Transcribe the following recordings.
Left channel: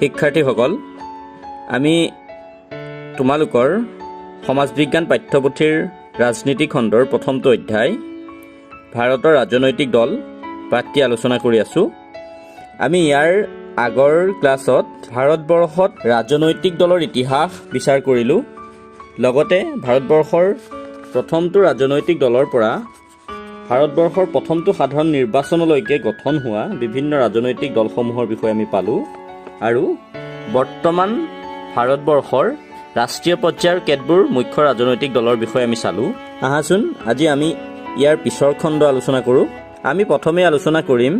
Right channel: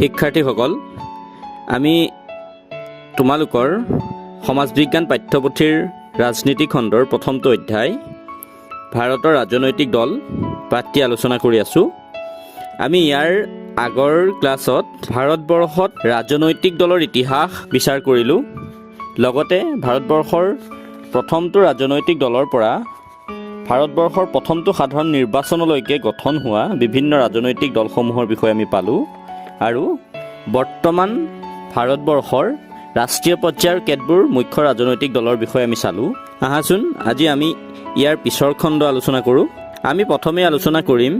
শিক্ষাৰ্থীসকল, আমি তোমালোকৰ সমাজ বিজ্ঞান পাঠ্যপুথিৰ ৰাজনীতি খণ্ডৰ প্ৰথমটো অধ্যায় ভাৰতৰ ৰাজনৈতিক দল পাঠটি আলোচনা কৰি আছোঁ। আমি ইয়াৰ আগৰ ক্লাছত ভাৰতবৰ্ষত ৰাজনৈতিক দলৰ ইতিহাস বিচাৰ কৰিলোঁ। লগতে ভাৰতবৰ্ষৰ প্ৰথমটো ৰাজনৈতিক দলৰ পৰা ভাৰতবৰ্ষৰ প্ৰথমটো সাধাৰণ নিৰ্বাচনলৈকে গঠন হোৱা বিভিন্ন ৰাজনৈতিক দলসমূহৰ বিষয়ে আমি পালোঁ। আৰু বৰ্তমান ভাৰতবৰ্ষৰ ৰাষ্ট্ৰীয় পৰ্যায়ৰ কেতবোৰ মুখ্য ৰাজনৈতিক দলৰ বিষয়ে আমি চালোঁ। আহাচোন আজি আমি ইয়াৰ পিছৰ খণ্ড আলোচনা কৰোঁ। আমি প্ৰথমে আলোচনা কৰিম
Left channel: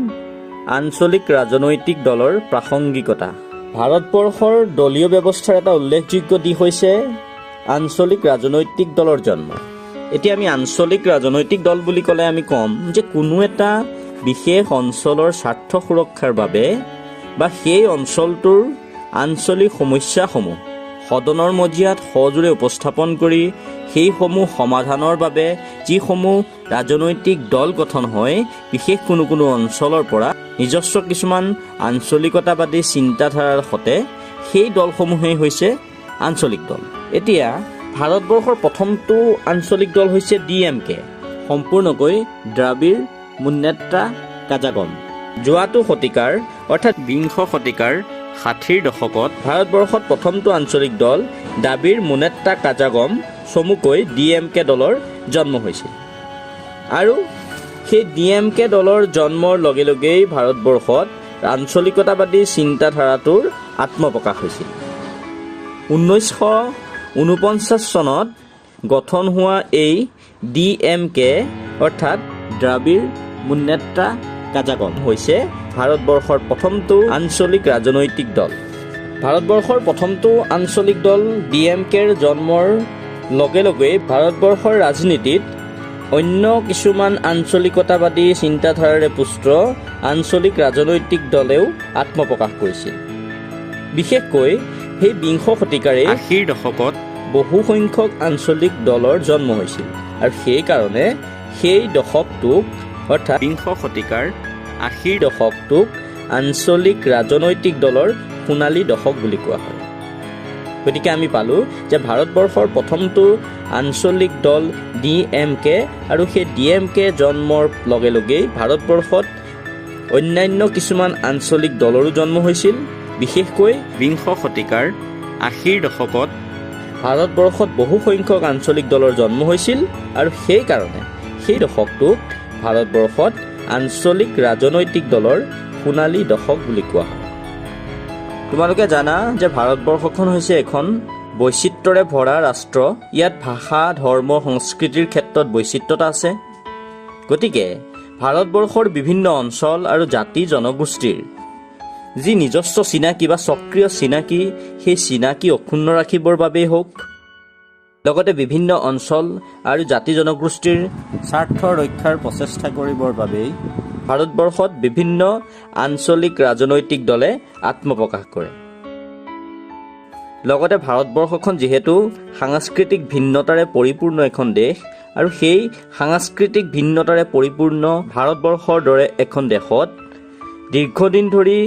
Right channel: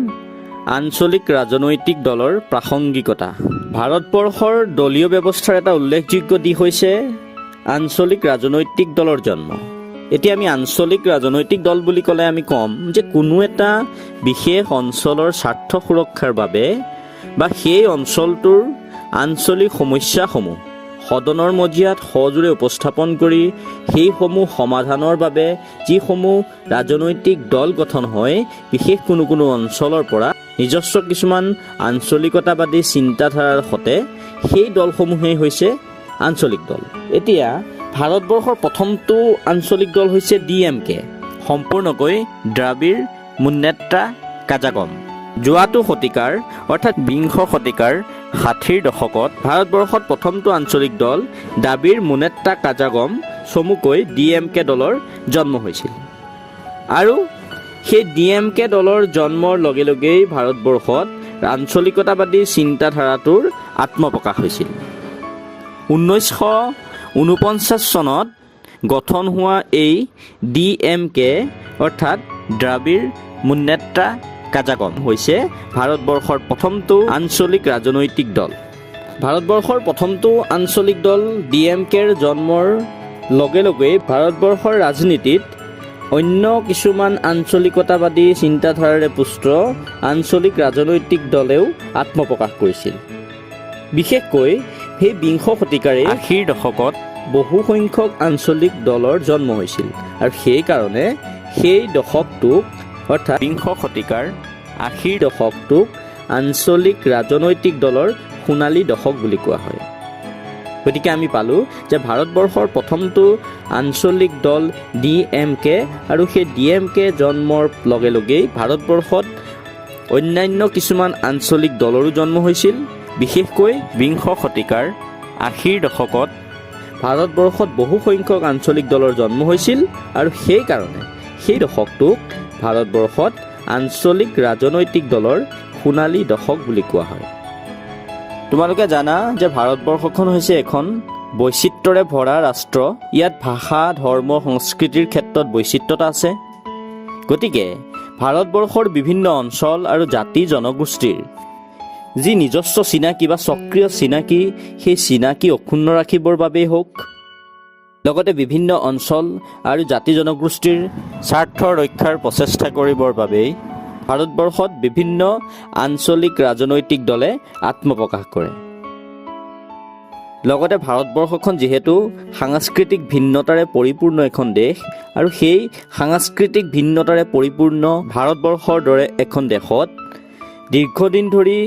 আঞ্চলিক ৰাজনৈতিক দলৰ প্ৰাসংগিকতা। ভাৰতবৰ্ষৰ দলীয় ব্যৱস্থাৰ এটা উল্লেখযোগ্য দিশ হৈছে আঞ্চলিক ৰাজনৈতিক দলৰ জন্ম। এতিয়া আমি আঞ্চলিক ৰাজনৈতিক দল বুলি ক'লে আমি ক'ম যে কোনো এটা বিশেষ অঞ্চলৰ স্বাৰ্থ সুৰক্ষাৰ বাবে বা সেই অঞ্চলটোৰ আঞ্চলিক সমস্যাসমূহ সদনৰ মজিয়াত সজোৰে উপস্থাপন কৰি সেইসমূহ সমাধানৰ বাবে যিসমূহ ৰাজনৈতিক দল গঠন হয়, বিশেষ কোনো অঞ্চলৰ পৰা নিজস্ব কিছুমান আঞ্চলিকতাবাদী চিন্তাধাৰাৰ সতে সেই দলসমূহেই হৈছে আঞ্চলিক দল। এতিয়া ভাৰতবৰ্ষৰ প্ৰথমটো আঞ্চলিক দল হৈছে DMK, সম্পূৰ্ণকৈ দ্ৰাবিড় মুন্নেত্ৰা কাজাগম। যোৱাটো শতিকাৰ অৰ্থাৎ বিংশ শতিকাৰ 60ৰ দশকত ভাৰতবৰ্ষত প্ৰথমটো আঞ্চলিক দল দ্ৰাবিড় মুন্নেত্ৰা কাজাগম চমুকৈ DMK দলৰ জন্ম হৈছিল। আৰু সেই DMK দলৰ জন্মৰ লগে লগেই ভাৰতবৰ্ষত আঞ্চলিকতাবাদী চিন্তাধাৰাটোৰ আত্মপ্ৰকাশ হৈছিল। 1949 চনত গঠন হোৱা এই DMK অৰ্থাৎ দ্ৰাবিড় মুন্নেত্ৰা কাজাগম হৈছে ভাৰতবৰ্ষৰ প্ৰথমটো আঞ্চলিক ৰাজনৈতিক দল। ভাৰতবৰ্ষৰ প্ৰথমটো আঞ্চলিক দল DMKৰ জন্মৰ লগে লগে ভাৰতবৰ্ষৰ ৰাজনীতিত অন্য কিছুমান আঞ্চলিকতাবাদী চিন্তাধাৰাৰে পুষ্ট আঞ্চলিক ৰাজনৈতিক দলেও আত্মপ্ৰকাশ কৰিছিল। বিশেষকৈ সেই বিংশ শতিকাৰে 80ৰ দশকত বহু সংখ্যক আঞ্চলিক দলৰ জন্ম হৈছিল। আৰু সেইকাৰণে সেই দশকটোক অৰ্থাৎ বিংশ শতিকাৰ 80ৰ দশকটোক আঞ্চলিক ৰাজনৈতিক দলৰ সোণালী দশক বুলি কোৱা হয়। গতিকে আমি পালোঁ যে ভাৰতবৰ্ষৰ প্ৰথমটো আঞ্চলিক দল DMK আৰু সেই DMK জন্মৰ লগে লগেই ভাৰতবৰ্ষত অন্যান্য কিছুমান আঞ্চলিক দলৰো জন্ম হৈছিল। বিশেষকৈ বিংশ শতিকাৰ 80ৰ দশকত ভাৰতবৰ্ষত বহু সংখ্যক আঞ্চলিক দলৰ জন্ম হৈছিল আৰু সেইকাৰণে সেই দশকটোক ভাৰতবৰ্ষত আঞ্চলিক ৰাজনৈতিক দলৰ সোণালী দশক বুলি কোৱা হয়। তোমালোকে জানা যে ভাৰতবৰ্ষখন হৈছে এখন বৈচিত্ৰ্যৰে ভৰা ৰাষ্ট্ৰ। ইয়াত ভাষা, ধৰ্ম, সংস্কৃতিৰ ক্ষেত্ৰত বৈচিত্ৰতা আছে। গতিকে ভাৰতবৰ্ষৰ বিভিন্ন অঞ্চল আৰু জাতি জনগোষ্ঠীৰ যি নিজস্ব চিনাকি বা স্বকীয় চিনাকি, সেই চিনাকি অক্ষুণ্ণ ৰাখিবৰ বাবেই হওক, লগতে বিভিন্ন অঞ্চল আৰু জাতি জনগোষ্ঠীৰ স্বাৰ্থ ৰক্ষাৰ প্ৰচেষ্টা কৰিবৰ বাবেই ভাৰতবৰ্ষত বিভিন্ন আঞ্চলিক ৰাজনৈতিক দলে আত্মপ্ৰকাশ কৰে। লগতে ভাৰতবৰ্ষখন যিহেতু সাংস্কৃতিক ভিন্নতাৰে পৰিপূৰ্ণ এখন দেশ, আৰু সেই সাংস্কৃতিক ভিন্নতাৰে পৰিপূৰ্ণ ভাৰতবৰ্ষৰ দৰে এখন দেশত দীৰ্ঘদিন ধৰি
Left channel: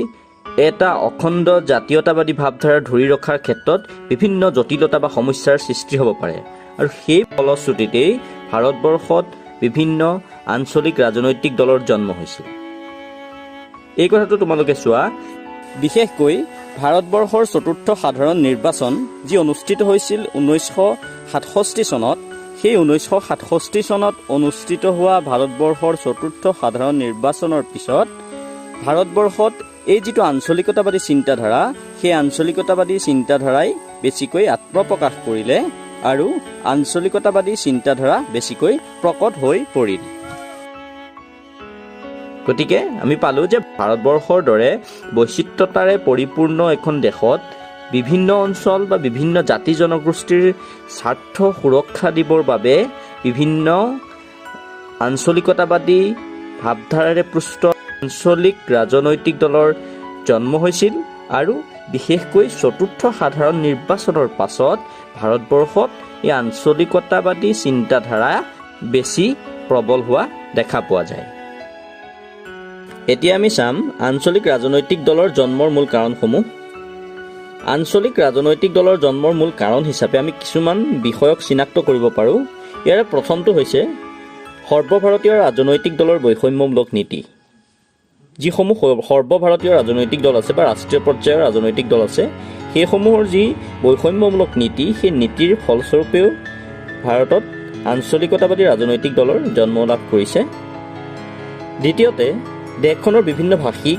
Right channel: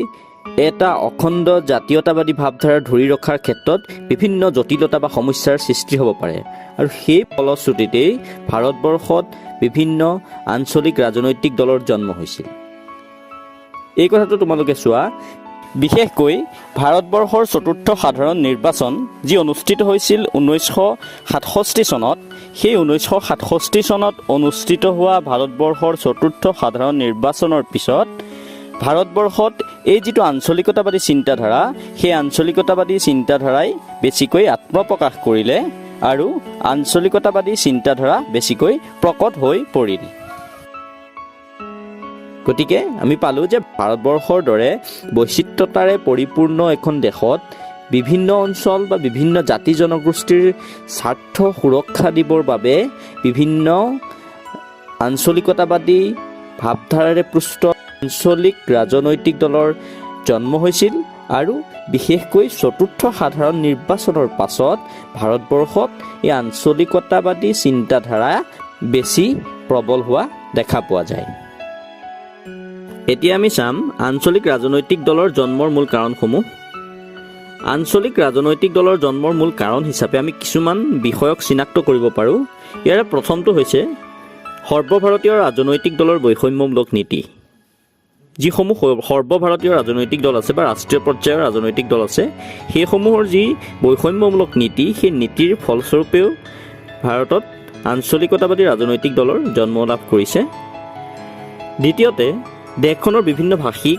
এটা অখণ্ড জাতীয়তাবাদী ভাৱধাৰা ধৰি ৰখাৰ ক্ষেত্ৰত বিভিন্ন জটিলতা বা সমস্যাৰ সৃষ্টি হ'ব পাৰে। আৰু সেই ফলশ্ৰুতিতেই ভাৰতবৰ্ষত বিভিন্ন আঞ্চলিক ৰাজনৈতিক দলৰ জন্ম হৈছিল। এই কথাটো তোমালোকে চোৱা। বিশেষকৈ ভাৰতবৰ্ষৰ চতুৰ্থ সাধাৰণ নিৰ্বাচন যি অনুষ্ঠিত হৈছিল 1967 চনত, সেই 1967 চনত অনুষ্ঠিত হোৱা ভাৰতবৰ্ষৰ চতুৰ্থ সাধাৰণ নিৰ্বাচনৰ পিছত ভাৰতবৰ্ষত এই যিটো আঞ্চলিকতাবাদী চিন্তাধাৰা, সেই আঞ্চলিকতাবাদী চিন্তাধাৰাই বেছিকৈ আত্মপ্ৰকাশ কৰিলে আৰু আঞ্চলিকতাবাদী চিন্তাধাৰা বেছিকৈ প্ৰকট হৈ পৰিল। গতিকে আমি পালোঁ যে ভাৰতবৰ্ষৰ দৰে বৈচিত্ৰতাৰে পৰিপূৰ্ণ এখন দেশত বিভিন্ন অঞ্চল বা বিভিন্ন জাতি জনগোষ্ঠীৰ স্বাৰ্থ সুৰক্ষা দিবৰ বাবে বিভিন্ন আঞ্চলিকতাবাদী ভাৱধাৰাৰে পুষ্ট আঞ্চলিক ৰাজনৈতিক দলৰ জন্ম হৈছিল। আৰু বিশেষকৈ চতুৰ্থ সাধাৰণ নিৰ্বাচনৰ পাছত ভাৰতবৰ্ষত এই আঞ্চলিকতাবাদী চিন্তাধাৰা বেছি প্ৰবল হোৱা দেখা পোৱা যায়। এতিয়া আমি চাম আঞ্চলিক ৰাজনৈতিক দলৰ জন্মৰ মূল কাৰণসমূহ। আঞ্চলিক ৰাজনৈতিক দলৰ জন্মৰ মূল কাৰণ হিচাপে আমি কিছুমান বিষয়ক চিনাক্ত কৰিব পাৰোঁ। ইয়াৰে প্ৰথমটো হৈছে সৰ্বভাৰতীয় ৰাজনৈতিক দলৰ বৈষম্যমূলক নীতি। যিসমূহ সৰ্বভাৰতীয় ৰাজনৈতিক দল আছে বা ৰাষ্ট্ৰীয় পৰ্যায়ৰ ৰাজনৈতিক দল আছে, সেইসমূহৰ যি বৈষম্যমূলক নীতি, সেই নীতিৰ ফলস্বৰূপেও ভাৰতত আঞ্চলিকতাবাদী ৰাজনৈতিক দলৰ জন্ম লাভ কৰিছে। দ্বিতীয়তে, দেশখনৰ বিভিন্ন ভাষিক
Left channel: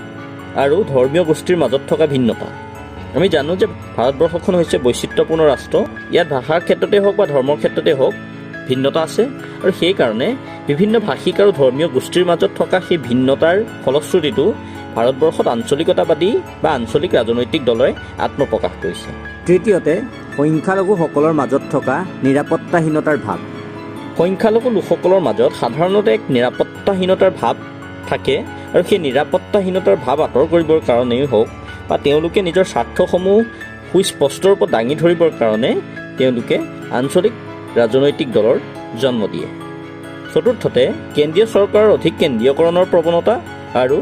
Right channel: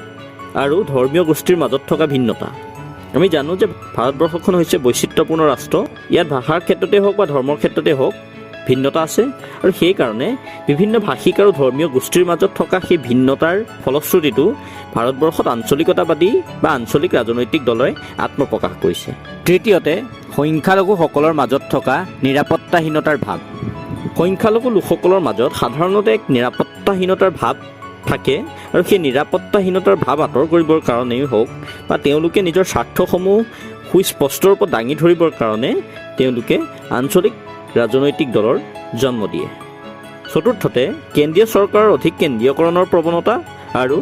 আৰু ধৰ্মীয় গোষ্ঠীৰ মাজত থকা ভিন্নতা। আমি জানো যে ভাৰতবৰ্ষখন হৈছে বৈচিত্ৰ্যপূৰ্ণ ৰাষ্ট্ৰ। ইয়াত ভাষাৰ ক্ষেত্ৰতে হওক বা ধৰ্মৰ ক্ষেত্ৰতে হওক ভিন্নতা আছে, আৰু সেইকাৰণে বিভিন্ন ভাষিক আৰু ধৰ্মীয় গোষ্ঠীৰ মাজত থকা সেই ভিন্নতাৰ ফলশ্ৰুতিটো ভাৰতবৰ্ষত আঞ্চলিকতাবাদী বা আঞ্চলিক ৰাজনৈতিক দলে আত্মপ্ৰকাশ কৰিছে। তৃতীয়তে, সংখ্যালঘুসকলৰ মাজত থকা নিৰাপত্তাহীনতাৰ ভাৱ। সংখ্যালঘু লোকসকলৰ মাজত সাধাৰণতে এক নিৰাপত্তাহীনতাৰ ভাৱ থাকে, আৰু সেই নিৰাপত্তাহীনতাৰ ভাৱ আঁতৰ কৰিবৰ কাৰণেই হওক বা তেওঁলোকে নিজৰ স্বাৰ্থসমূহ সুস্পষ্ট ৰূপত দাঙি ধৰিবৰ কাৰণে তেওঁলোকে আঞ্চলিক ৰাজনৈতিক দলৰ জন্ম দিয়ে। চতুৰ্থতে, কেন্দ্ৰীয় চৰকাৰৰ অধিক কেন্দ্ৰীয়কৰণৰ প্ৰৱণতা আৰু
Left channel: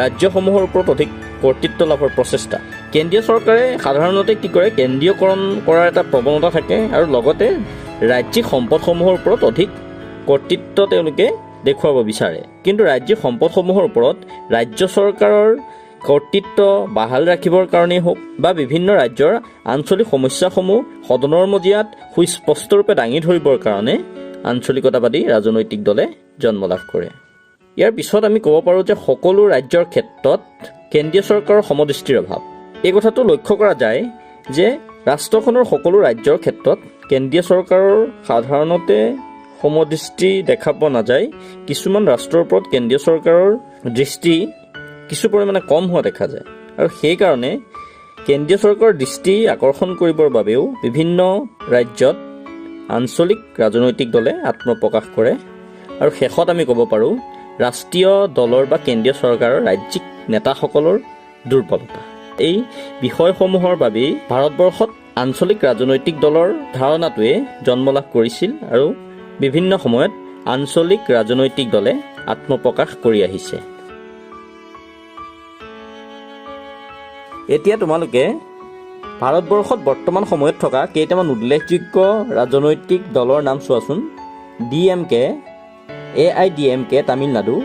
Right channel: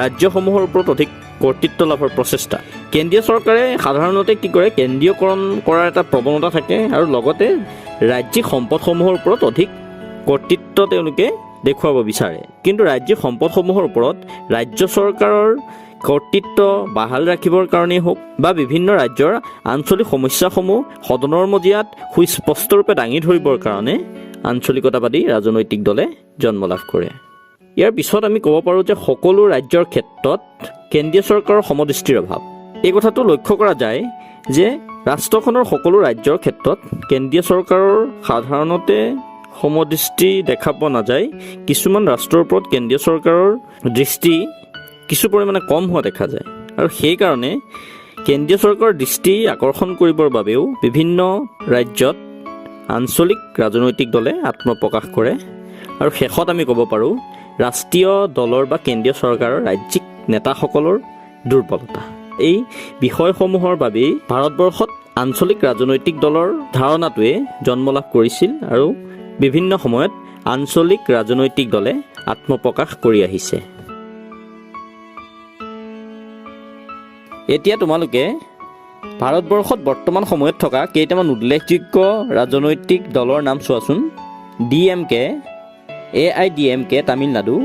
ৰাজ্যসমূহৰ ওপৰত অধিক কৰ্তৃত্ব লাভৰ প্ৰচেষ্টা। কেন্দ্ৰীয় চৰকাৰে সাধাৰণতে কি কৰে, কেন্দ্ৰীয়কৰণ কৰাৰ এটা প্ৰৱণতা থাকে, আৰু লগতে ৰাজ্যিক সম্পদসমূহৰ ওপৰত অধিক কৰ্তৃত্ব তেওঁলোকে দেখুৱাব বিচাৰে। কিন্তু ৰাজ্যিক সম্পদসমূহৰ ওপৰত ৰাজ্য চৰকাৰৰ কৰ্তৃত্ব বাহাল ৰাখিবৰ কাৰণেই হওক বা বিভিন্ন ৰাজ্যৰ আঞ্চলিক সমস্যাসমূহ সদনৰ মজিয়াত সুস্পষ্টৰূপে দাঙি ধৰিবৰ কাৰণে আঞ্চলিকতাবাদী ৰাজনৈতিক দলে জন্ম লাভ কৰে। ইয়াৰ পিছত আমি ক'ব পাৰোঁ যে সকলো ৰাজ্যৰ ক্ষেত্ৰত কেন্দ্ৰীয় চৰকাৰৰ সমদৃষ্টিৰ অভাৱ। এই কথাটো লক্ষ্য কৰা যায় যে ৰাষ্ট্ৰখনৰ সকলো ৰাজ্যৰ ক্ষেত্ৰত কেন্দ্ৰীয় চৰকাৰৰ সাধাৰণতে সমদৃষ্টি দেখা পোৱা নাযায়। কিছুমান ৰাষ্ট্ৰৰ ওপৰত কেন্দ্ৰীয় চৰকাৰৰ দৃষ্টি কিছু পৰিমাণে কম হোৱা দেখা যায়, আৰু সেইকাৰণে কেন্দ্ৰীয় চৰকাৰৰ দৃষ্টি আকৰ্ষণ কৰিবৰ বাবেও বিভিন্ন ৰাজ্যত আঞ্চলিক ৰাজনৈতিক দলে আত্মপ্ৰকাশ কৰে। আৰু শেষত আমি ক'ব পাৰোঁ ৰাষ্ট্ৰীয় দলৰ বা কেন্দ্ৰীয় চৰকাৰৰ ৰাজ্যিক নেতাসকলৰ দুৰ্বলতা। এই বিষয়সমূহৰ বাবেই ভাৰতবৰ্ষত আঞ্চলিক ৰাজনৈতিক দলৰ ধাৰণাটোৱে জন্ম লাভ কৰিছিল, আৰু বিভিন্ন সময়ত আঞ্চলিক ৰাজনৈতিক দলে আত্মপ্ৰকাশ কৰি আহিছে। এতিয়া তোমালোকে ভাৰতবৰ্ষত বৰ্তমান সময়ত থকা কেইটামান উল্লেখযোগ্য ৰাজনৈতিক দলৰ নাম চোৱাচোন। DMK, AIDMK তামিলনাডু,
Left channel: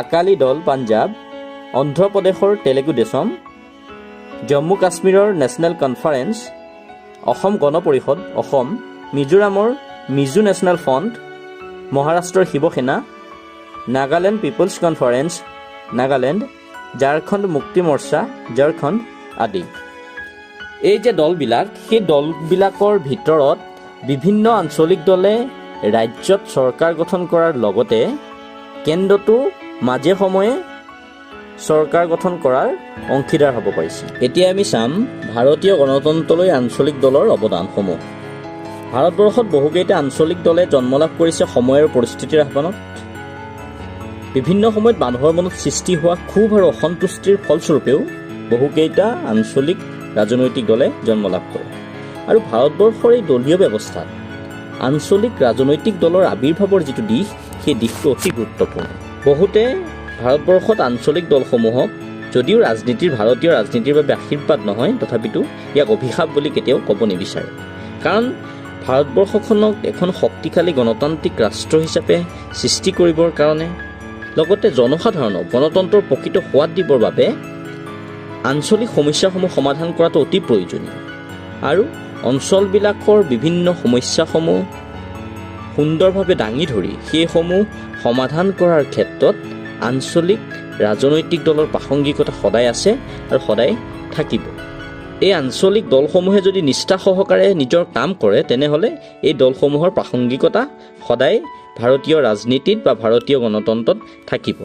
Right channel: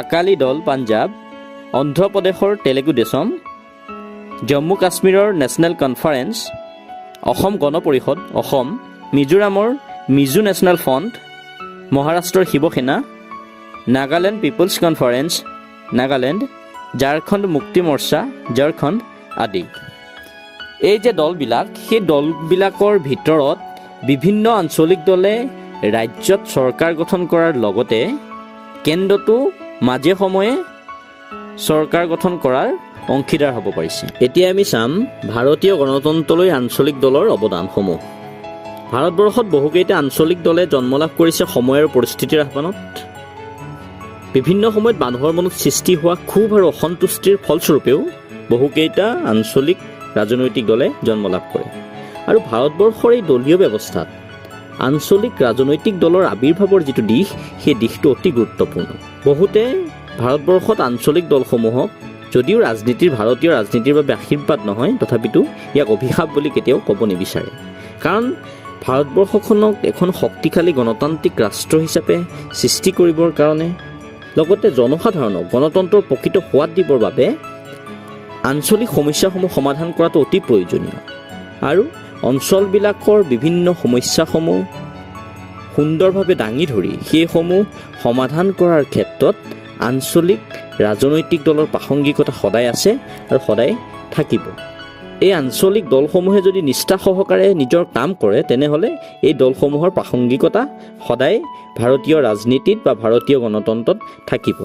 আকালি দল পাঞ্জাৱ, অন্ধ্ৰপ্ৰদেশৰ তেলেগু দেশম, জম্মু কাশ্মীৰৰ নেশ্যনেল কনফাৰেন্স, অসম গণ পৰিষদ অসম, মিজোৰামৰ মিজো নেশ্যনেল ফ্ৰণ্ট, মহাৰাষ্ট্ৰৰ শিৱসেনা, নাগালেণ্ড পিপলছ কনফাৰেন্স নাগালেণ্ড, ঝাৰখণ্ড মুক্তি মৰ্চা ঝাৰখণ্ড আদি। এই যে দলবিলাক, সেই দলবিলাকৰ ভিতৰত বিভিন্ন আঞ্চলিক দলে ৰাজ্যত চৰকাৰ গঠন কৰাৰ লগতে কেন্দ্ৰতো মাজে সময়ে চৰকাৰ গঠন কৰাৰ অংশীদাৰ হ'ব পাৰিছে। এতিয়া আমি চাম ভাৰতীয় গণতন্ত্ৰলৈ আঞ্চলিক দলৰ অৱদানসমূহ। ভাৰতবৰ্ষত বহুকেইটা আঞ্চলিক দলে জন্ম লাভ কৰিছে সময় আৰু পৰিস্থিতিৰ আহ্বানত। বিভিন্ন সময়ত মানুহৰ মনত সৃষ্টি হোৱা ক্ষোভ আৰু অসন্তুষ্টিৰ ফলস্বৰূপেও বহুকেইটা আঞ্চলিক ৰাজনৈতিক দলে জন্ম লাভ কৰে। আৰু ভাৰতবৰ্ষৰ এই দলীয় ব্যৱস্থাত আঞ্চলিক ৰাজনৈতিক দলৰ আৱিৰ্ভাৱৰ যিটো দিশ, সেই দিশটো অতি গুৰুত্বপূৰ্ণ। বহুতে ভাৰতবৰ্ষত আঞ্চলিক দলসমূহক যদিও ভাৰতীয় ৰাজনীতিৰ বাবে আশীৰ্বাদ নহয়, তথাপিতো ইয়াক অভিশাপ বুলি কেতিয়াও ক'ব নিবিচাৰে। কাৰণ ভাৰতবৰ্ষখনক এখন শক্তিশালী গণতান্ত্ৰিক ৰাষ্ট্ৰ হিচাপে সৃষ্টি কৰিবৰ কাৰণে, লগতে জনসাধাৰণক গণতন্ত্ৰৰ প্ৰকৃত সোৱাদ দিবৰ বাবে আঞ্চলিক সমস্যাসমূহ সমাধান কৰাটো অতি প্ৰয়োজনীয়। আৰু অঞ্চলবিলাকৰ বিভিন্ন সমস্যাসমূহ সুন্দৰভাৱে দাঙি ধৰি সেইসমূহ সমাধান কৰাৰ ক্ষেত্ৰত আঞ্চলিক ৰাজনৈতিক দলৰ প্ৰাসংগিকতা সদায় আছে আৰু সদায় থাকিব। এই আঞ্চলিক দলসমূহে যদি নিষ্ঠা সহকাৰে নিজৰ কাম কৰে, তেনেহ'লে এই দলসমূহৰ প্ৰাসংগিকতা সদায় ভাৰতীয় ৰাজনীতিত বা ভাৰতীয় গণতন্ত্ৰত থাকিব।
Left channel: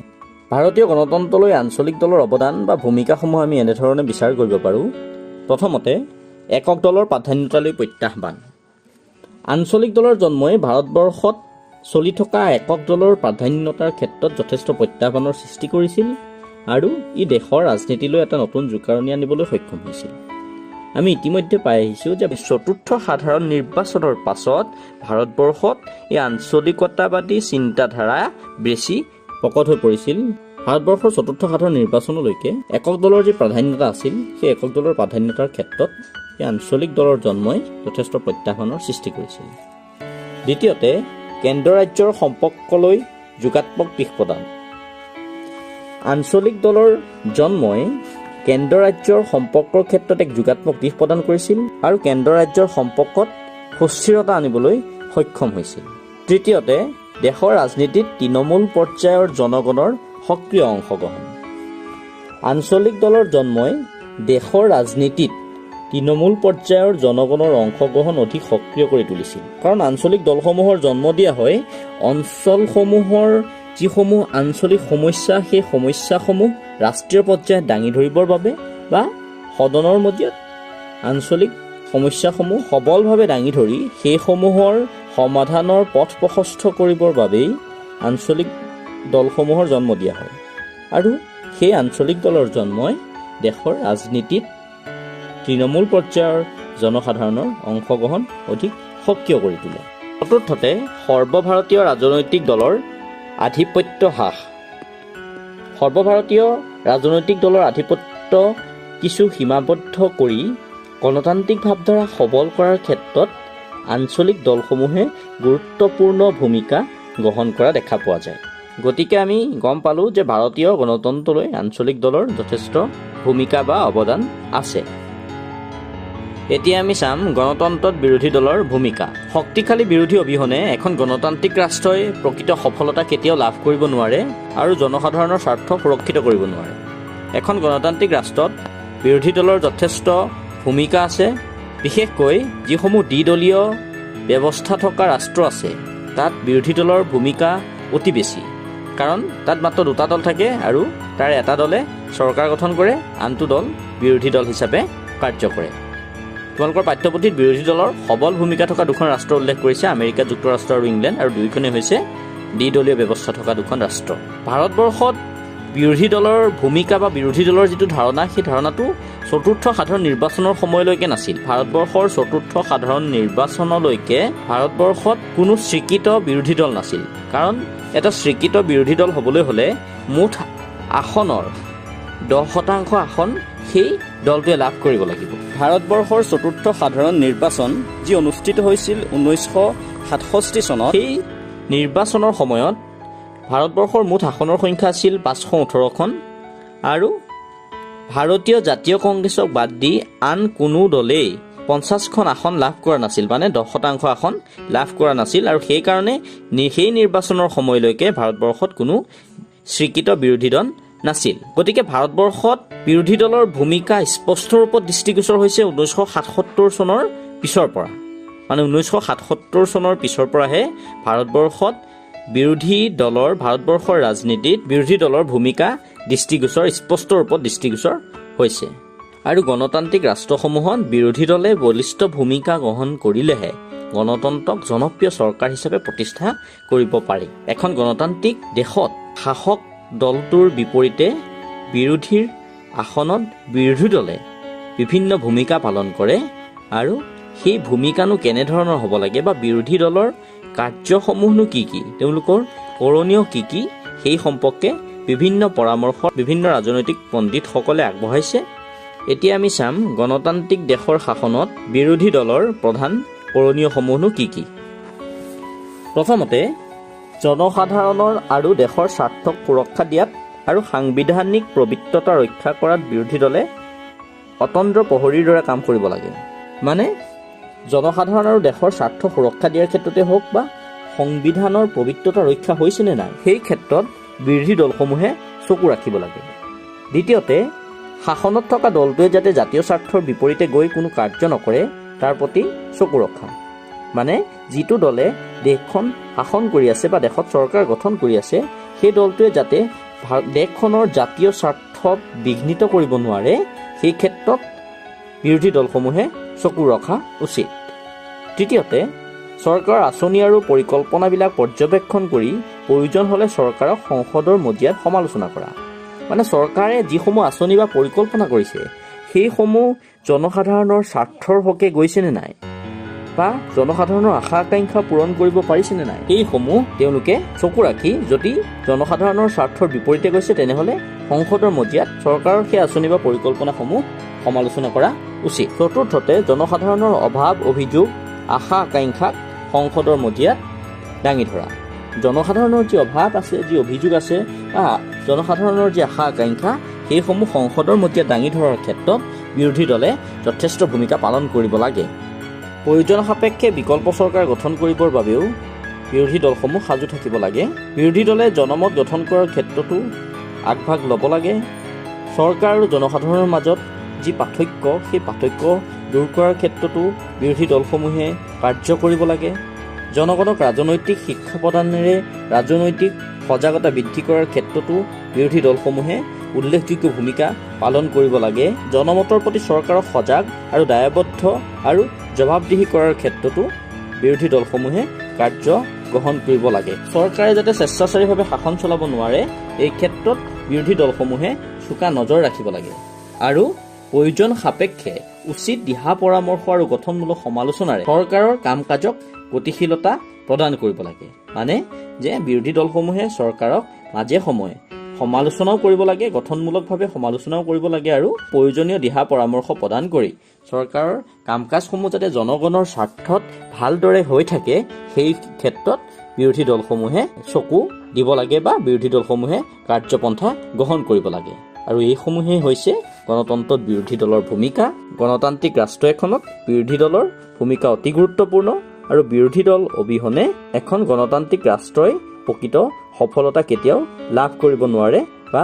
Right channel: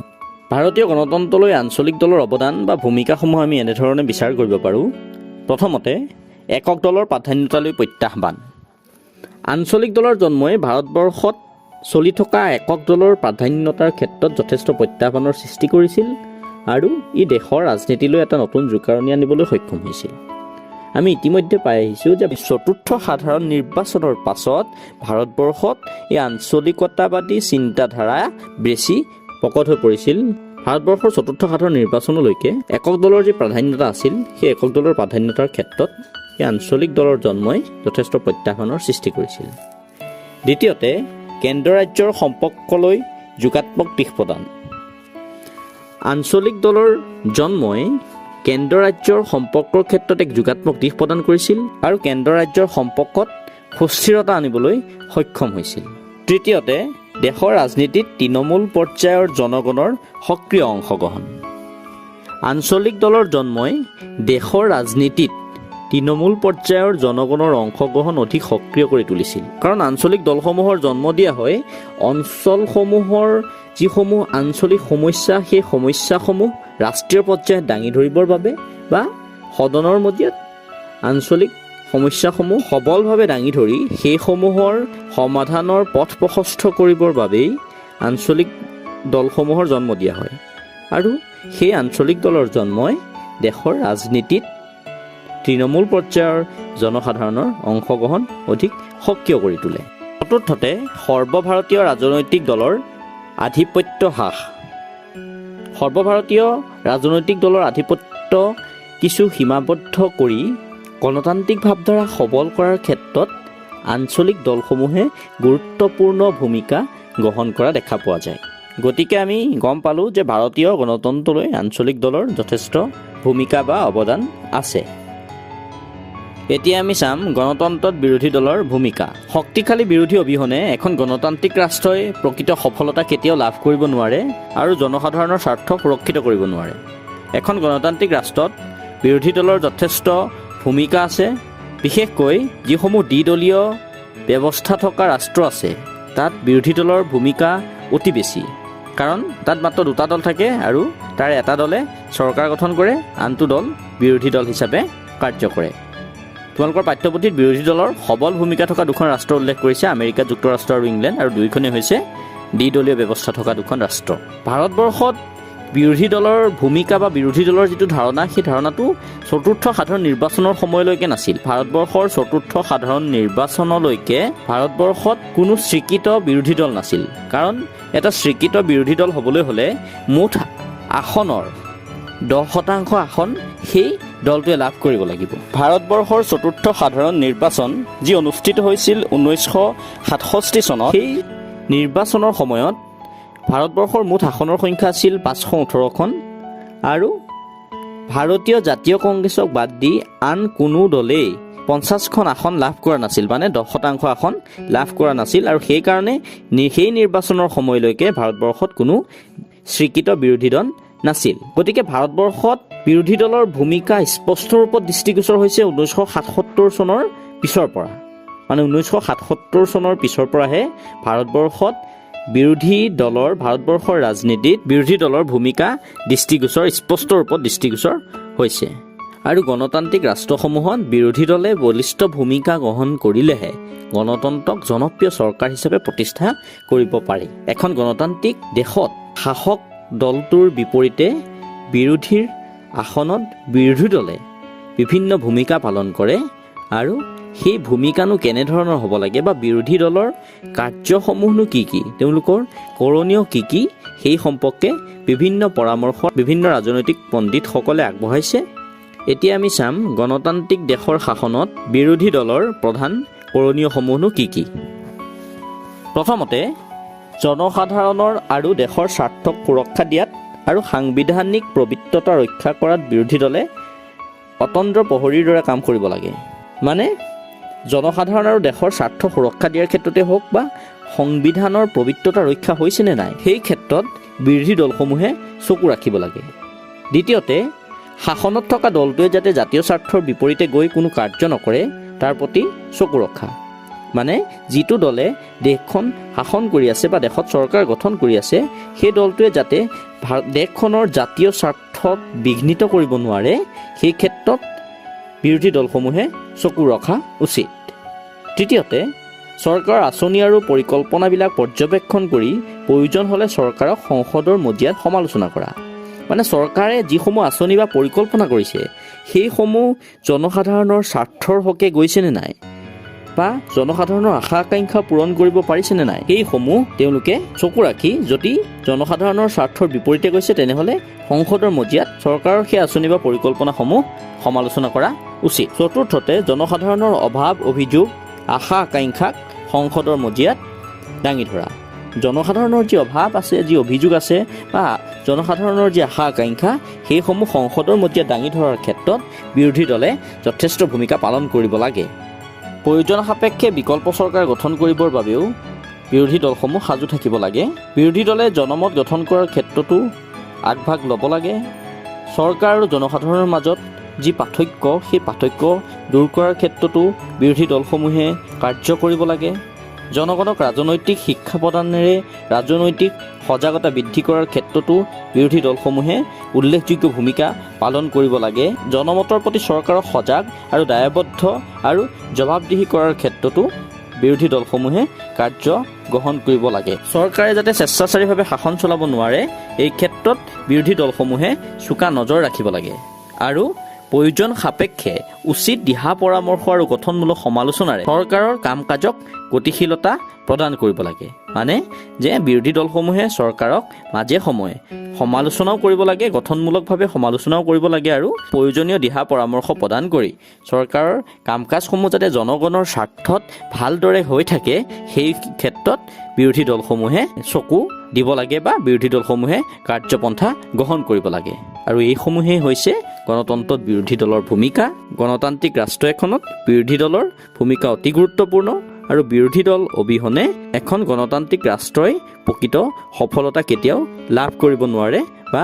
ভাৰতীয় গণতন্ত্ৰলৈ আঞ্চলিক দলৰ অৱদান বা ভূমিকাসমূহ আমি এনেধৰণে বিচাৰ কৰিব পাৰোঁ। প্ৰথমতে, একক দলৰ প্ৰাধান্যতালৈ প্ৰত্যাহ্বান। আঞ্চলিক দলৰ জন্মই ভাৰতবৰ্ষত চলি থকা একক দলৰ প্ৰাধান্যতাৰ ক্ষেত্ৰত যথেষ্ট প্ৰত্যাহ্বানৰ সৃষ্টি কৰিছিল, আৰু ই দেশৰ ৰাজনীতিলৈ এটা নতুন জোকাৰণি আনিবলৈ সক্ষম হৈছিল। আমি ইতিমধ্যে পাই আহিছোঁ যে চতুৰ্থ সাধাৰণ নিৰ্বাচনৰ পাছত ভাৰতবৰ্ষত এই আঞ্চলিকতাবাদী চিন্তাধাৰা বেছি প্ৰকট হৈ পৰিছিল। ভাৰতবৰ্ষৰ চতুৰ্থ সাধাৰণ নিৰ্বাচনলৈকে একক দলৰ যি প্ৰাধান্যতা আছিল সেই একক দলৰ প্ৰাধান্যতাৰ ক্ষেত্ৰত এই আঞ্চলিক দলৰ জন্মই যথেষ্ট প্ৰত্যাহ্বানৰ সৃষ্টি কৰিছিল। দ্বিতীয়তে কেন্দ্ৰ ৰাজ্যৰ সম্পৰ্কলৈ যোগাত্মক দিশ প্ৰদান। আঞ্চলিক দলৰ জন্মই কেন্দ্ৰ ৰাজ্যৰ সম্পৰ্কৰ ক্ষেত্ৰত এক যোগাত্মক দিশ প্ৰদান কৰিছিল আৰু কেন্দ্ৰ ৰাজ্যৰ সম্পৰ্কত সুস্থিৰতা আনিবলৈ সক্ষম হৈছিল। তৃতীয়তে দেশৰ ৰাজনীতিত তৃণমূল পৰ্যায়ৰ জনগণৰ সক্ৰিয় অংশগ্ৰহণ। আঞ্চলিক দলৰ জন্মই দেশৰ ৰাজনীতিত তৃণমূল পৰ্যায়ৰ জনগণৰ অংশগ্ৰহণ অধিক সক্ৰিয় কৰি তুলিছিল। কাৰণ আঞ্চলিক দলসমূহৰ জন্ম দিয়া হয় অঞ্চলসমূহৰ যিসমূহ আঞ্চলিক সমস্যা সেই সমস্যাসমূহ ৰাষ্ট্ৰীয় পৰ্যায়ত দাঙি ধৰিবৰ বাবে বা সদনৰ মজিয়াত আঞ্চলিক সমস্যাসমূহ সবলভাৱে দাঙি ধৰি সেইসমূহৰ সমাধানৰ পথ প্ৰশস্ত কৰিবৰ বাবেই আঞ্চলিক দলসমূহৰ জন্ম দিয়া হয় আৰু সেই আঞ্চলিক দলৰ জন্মই দেশৰ ৰাজনীতিত তৃণমূল পৰ্যায়ৰ জনসাধাৰণৰ অংশগ্ৰহণ অধিক সক্ৰিয় কৰি তোলে। চতুৰ্থতে সৰ্বভাৰতীয় ৰাজনৈতিক দলৰ আধিপত্য হ্ৰাস। সৰ্বভাৰতীয় ৰাজনৈতিক দলৰ আধিপত্য কিছু সীমাবদ্ধ কৰি গণতান্ত্ৰিক ভাৱধাৰা সবল কৰাৰ ক্ষেত্ৰত আঞ্চলিক দলসমূহে গুৰুত্বপূৰ্ণ ভূমিকা গ্ৰহণ কৰা দেখা পোৱা যায়। গতিকে আমি গম পালোঁ যে ভাৰতীয় গণতন্ত্ৰলৈ আঞ্চলিক দলৰ যথেষ্ট ভূমিকা বা অৱদান আছে। এতিয়া আমি চাম গণতন্ত্ৰত বিৰোধী দলৰ ভূমিকা। শক্তিশালী বিৰোধী অবিহনে এখন গণতান্ত্ৰিক ৰাষ্ট্ৰই প্ৰকৃত সফলতা কেতিয়াও লাভ কৰিব নোৱাৰে আৰু জনসাধাৰণৰ স্বাৰ্থ সুৰক্ষিত কৰিব নোৱাৰে। এখন গণতান্ত্ৰিক ৰাষ্ট্ৰত বিৰোধী দলৰ যথেষ্ট ভূমিকা আছে। বিশেষকৈ যিসমূহ দ্বিদলীয় ব্যৱস্থা থকা ৰাষ্ট্ৰ আছে তাত বিৰোধী দলৰ ভূমিকা অতি বেছি। কাৰণ তাত মাত্ৰ দুটা দল থাকে আৰু তাৰ এটা দলে চৰকাৰ গঠন কৰে, আনটো দল বিৰোধী দল হিচাপে কাৰ্য কৰে। তোমালোকৰ পাঠ্যপুথিত বিৰোধী দলৰ সবল ভূমিকা থকা দুখন ৰাষ্ট্ৰ উল্লেখ কৰিছে, আমেৰিকা যুক্তৰাষ্ট্ৰ আৰু ইংলেণ্ড, আৰু দুয়োখনেই হৈছে দ্বিদলীয় ব্যৱস্থা থকা দুখন ৰাষ্ট্ৰ। ভাৰতবৰ্ষত বিৰোধী দলৰ ভূমিকা বা বিৰোধী দলৰ যিটো ধাৰণা সেই ধাৰণাটো চতুৰ্থ সাধাৰণ নিৰ্বাচনৰ সময়লৈকে নাছিল। ভাৰতবৰ্ষৰ চতুৰ্থ সাধাৰণ নিৰ্বাচনলৈকে ভাৰতবৰ্ষত কোনো স্বীকৃত বিৰোধী দল নাছিল। কাৰণ এটা স্বীকৃত বিৰোধী দল হ'বলৈ হ'লে মুঠ আসনৰ 10% আসন সেই দলটোৱে লাভ কৰিব লাগিব। ভাৰতবৰ্ষৰ চতুৰ্থ সাধাৰণ নিৰ্বাচন যি অনুষ্ঠিত হৈছিল 1967 চনত, সেই নিৰ্বাচনৰ সময়ত ভাৰতবৰ্ষৰ মুঠ আসনৰ সংখ্যা আছিল 518খন আৰু ভাৰতীয় জাতীয় কংগ্ৰেছক বাদ দি আন কোনো দলেই 50খন আসন লাভ কৰা নাছিল, মানে 10% আসন লাভ কৰা নাছিল। আৰু সেইকাৰণে সেই নিৰ্বাচনৰ সময়লৈকে ভাৰতবৰ্ষত কোনো স্বীকৃত বিৰোধী দল নাছিল। গতিকে ভাৰতবৰ্ষত বিৰোধী দলৰ ভূমিকা স্পষ্ট ৰূপত দৃষ্টিগোচৰ হৈছে 1977 চনৰ পিছৰ পৰা। মানে 1977 চনৰ পিছৰ পৰাহে ভাৰতবৰ্ষত ভাৰতবৰ্ষৰ ৰাজনীতিত বিৰোধী দলৰ ভূমিকা স্পষ্ট ৰূপত দৃষ্টিগোচৰ হৈছে। আৰু গণতান্ত্ৰিক ৰাষ্ট্ৰসমূহত বিৰোধী দলে বলিষ্ঠ ভূমিকা গ্ৰহণ কৰিলেহে গণতন্ত্ৰক জনপ্ৰিয় চৰকাৰ হিচাপে প্ৰতিষ্ঠা কৰিব পাৰি। এখন গণতান্ত্ৰিক দেশত শাসক দলটোৰ বিপৰীতে বিৰোধীৰ আসনত বিৰোধী দলে বিভিন্ন ভূমিকা পালন কৰে আৰু সেই ভূমিকানো কেনেধৰণৰ হ'ব লাগে বা বিৰোধী দলৰ কাৰ্যসমূহনো কি কি, তেওঁলোকৰ কৰণীয় কি কি, সেই সম্পৰ্কে বিভিন্ন পৰামৰ্শ বিভিন্ন ৰাজনৈতিক পণ্ডিতসকলে আগবঢ়াইছে। এতিয়া আমি চাম গণতান্ত্ৰিক দেশৰ শাসনত বিৰোধী দলৰ প্ৰধান কৰণীয়সমূহনো কি কি। প্ৰথমতে জনসাধাৰণৰ আৰু দেশৰ স্বাৰ্থক সুৰক্ষা দিয়াত আৰু সাংবিধানিক পবিত্ৰতা ৰক্ষা কৰাত বিৰোধী দলে অতন্দ্ৰ প্ৰহৰীৰ দৰে কাম কৰিব লাগে। মানে জনসাধাৰণ আৰু দেশৰ স্বাৰ্থ সুৰক্ষা দিয়াৰ ক্ষেত্ৰতে হওক বা সংবিধানৰ পবিত্ৰতা ৰক্ষা হৈছেনে নাই সেই ক্ষেত্ৰত বিৰোধী দলসমূহে চকু ৰাখিব লাগে। দ্বিতীয়তে শাসনত থকা দলটোৱে যাতে জাতীয় স্বাৰ্থৰ বিপৰীতে গৈ কোনো কাৰ্য নকৰে তাৰ প্ৰতি চকু ৰখা। মানে যিটো দলে দেশখন শাসন কৰি আছে বা দেশত চৰকাৰ গঠন কৰি আছে সেই দলটোৱে যাতে দেশখনৰ জাতীয় স্বাৰ্থত বিঘ্নিত কৰিব নোৱাৰে সেই ক্ষেত্ৰত বিৰোধী দলসমূহে চকু ৰখা উচিত। তৃতীয়তে চৰকাৰৰ আঁচনি আৰু পৰিকল্পনাবিলাক পৰ্যবেক্ষণ কৰি প্ৰয়োজন হ'লে চৰকাৰক সংসদৰ মজিয়াত সমালোচনা কৰা। মানে চৰকাৰে যিসমূহ আঁচনি বা পৰিকল্পনা কৰিছে সেইসমূহ জনসাধাৰণৰ স্বাৰ্থৰ হকে গৈছেনে নাই বা জনসাধাৰণৰ আশা আকাংক্ষা পূৰণ কৰিব পাৰিছেনে নাই, সেইসমূহ তেওঁলোকে চকু ৰাখি যদি জনসাধাৰণৰ স্বাৰ্থৰ বিপৰীতে গৈছে তেনেহ'লে সংসদৰ মজিয়াত চৰকাৰৰ সেই আঁচনি বা পৰিকল্পনাসমূহ সমালোচনা কৰা উচিত। চতুৰ্থতে, জনসাধাৰণৰ অভাৱ অভিযোগ আশা আকাংক্ষাক সংসদৰ মজিয়াত দাঙি ধৰা। জনসাধাৰণৰ যি অভাৱ আছে, যি অভিযোগ আছে বা জনসাধাৰণৰ যি আশা আকাংক্ষা, সেইসমূহ সংসদৰ মজিয়াত দাঙি ধৰাৰ ক্ষেত্ৰত বিৰোধী দলে যথেষ্ট ভূমিকা পালন কৰিব লাগে। প্ৰয়োজন সাপেক্ষে বিকল্প চৰকাৰ গঠন কৰিবৰ বাবেও বিৰোধী দলসমূহ সাজু থাকিব লাগে। বিৰোধী দলে জনমত গঠন কৰাৰ ক্ষেত্ৰতো আগভাগ ল'ব লাগে। চৰকাৰ আৰু জনসাধাৰণৰ মাজত যি পাৰ্থক্য, সেই পাৰ্থক্য দূৰ কৰাৰ ক্ষেত্ৰতো বিৰোধী দলসমূহে কাৰ্য কৰিব লাগে। জনগণক ৰাজনৈতিক শিক্ষা প্ৰদানেৰে ৰাজনৈতিক সজাগতা বৃদ্ধি কৰাৰ ক্ষেত্ৰতো বিৰোধী দলসমূহে উল্লেখযোগ্য ভূমিকা পালন কৰিব লাগে। জনমতৰ প্ৰতি চৰকাৰক সজাগ আৰু দায়বদ্ধ আৰু জবাবদিহি কৰাৰ ক্ষেত্ৰতো বিৰোধী দলসমূহে কাৰ্য গ্ৰহণ কৰিব লাগে। চৰকাৰে যাতে স্বেচ্ছাচাৰীভাৱে শাসন চলাব নোৱাৰে, এই ক্ষেত্ৰত বিৰোধী দলসমূহে চোকা নজৰ ৰাখিব লাগে আৰু প্ৰয়োজন সাপেক্ষে উচিত দিহা পৰামৰ্শ আৰু গঠনমূলক সমালোচনাৰে চৰকাৰৰ কাম কাজক গতিশীলতা প্ৰদান কৰিব লাগে। মানে যে বিৰোধী দলসমূহে চৰকাৰক মাজে সময়ে সমালোচনাও কৰিব লাগে, গঠনমূলকভাৱে সমালোচনাও কৰিব লাগে আৰু প্ৰয়োজনীয় দিহা পৰামৰ্শ প্ৰদান কৰি চৰকাৰৰ কাম কাজসমূহ যাতে জনগণৰ স্বাৰ্থত ভালদৰে হৈ থাকে, সেই ক্ষেত্ৰত বিৰোধী দলসমূহে চকু দিব লাগে বা বিৰোধী দলসমূহে কাৰ্যপন্থা গ্ৰহণ কৰিব লাগে। আৰু এইসমূহেই হৈছে গণতন্ত্ৰত বিৰোধী দলৰ ভূমিকা। গণতান্ত্ৰিক ৰাষ্ট্ৰ এখনত বিৰোধী দলৰ ভূমিকা অতি গুৰুত্বপূৰ্ণ আৰু বিৰোধী দল অবিহনে এখন গণতান্ত্ৰিক ৰাষ্ট্ৰই প্ৰকৃত সফলতা কেতিয়াও লাভ কৰিব নোৱাৰে বা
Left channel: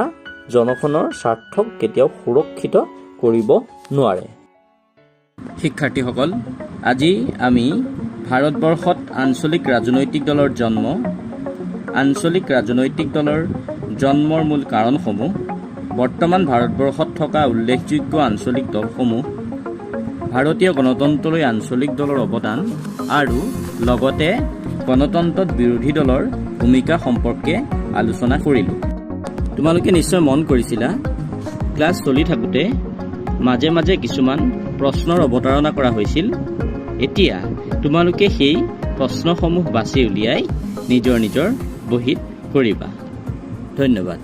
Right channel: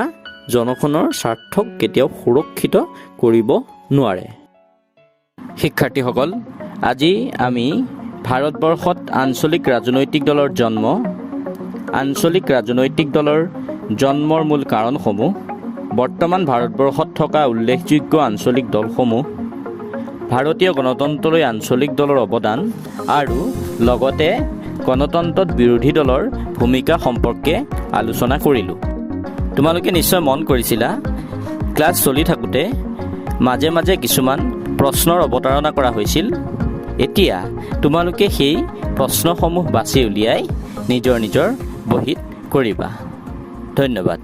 জনগণৰ স্বাৰ্থক কেতিয়াও সুৰক্ষিত কৰিব নোৱাৰে। শিক্ষাৰ্থীসকল, আজি আমি ভাৰতবৰ্ষত আঞ্চলিক ৰাজনৈতিক দলৰ জন্মৰ মূল কাৰণসমূহ, বৰ্তমান ভাৰতবৰ্ষত থকা উল্লেখযোগ্য আঞ্চলিক দলসমূহ, ভাৰতীয় গণতন্ত্ৰলৈ আঞ্চলিক দলৰ অৱদান আৰু লগতে গণতন্ত্ৰত বিৰোধী দলৰ ভূমিকা সম্পৰ্কে আলোচনা কৰিলোঁ। তোমালোকে নিশ্চয় মন কৰিছিলা, ক্লাছ চলি থাকোঁতে মাজে মাজে কিছুমান প্ৰশ্নৰ অৱতাৰণা কৰা হৈছিল। এতিয়া তোমালোকে সেই প্ৰশ্নসমূহ বাছি উলিয়াই নিজৰ নিজৰ বহীত কৰিবা। ধন্যবাদ।